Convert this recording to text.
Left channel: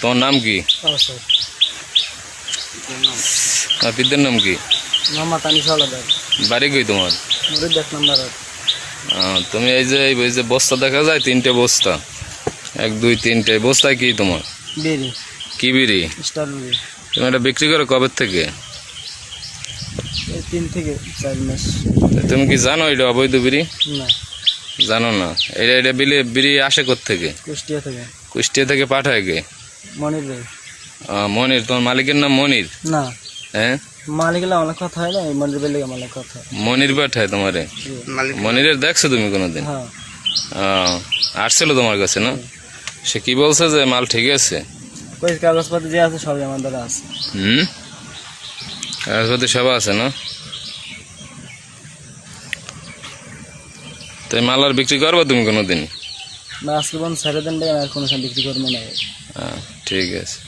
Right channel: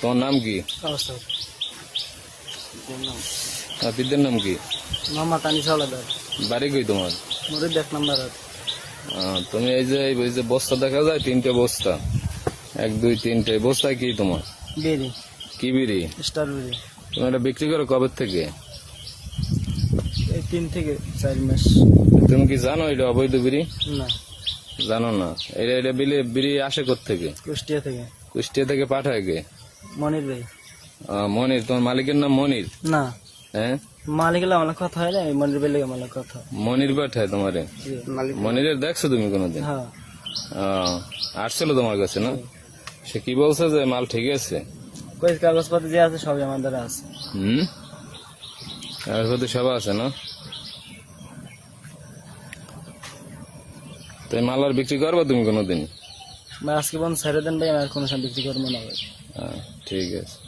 তোমার নাম কি? পিতার নাম কি? বাড়ি কই তোমার? তুমি এই যে বস্তা দেখা যায়, 3টে বস্তা, 1 2 3টে বস্তা, কি তোমার? কি বিড়ি? তুমি এটা বিক্রি করো কবে থেকে? 3 থেকে 4 মাস। তুমি কি জানো এটা অবৈধ বিড়ি? না, জানো না। এটা বিড়ি আসে কোত্থেকে? কুষ্টিয়া থেকে। কুষ্টিয়া থেকে পাঠায় কে? মনির ভাই। মনির। তোমার মালিকের নাম মনির? না, হ্যাঁ, মালিকের আমার কথা হয় না, মনির ভাই আমার কথা। মনির পাঠায় তোমারে? মনিরের দেখছো তুমি কোনোদিন? হ্যাঁ। আসছিল তোমার কাছে না? সে কি বলছে যে মাল ঠিক আছে? কই কাগজপত্র যে আছে সবই আমাদের আছে। কাগজপত্র সব আছে না? তো এই মাল আর বিক্রি করবো তুমি কোনোদিন? আজকে বন্ধ ছেড়ে দেন ভাই, আর কোনো সময় বিক্রি করবো না। ঠিক আছে।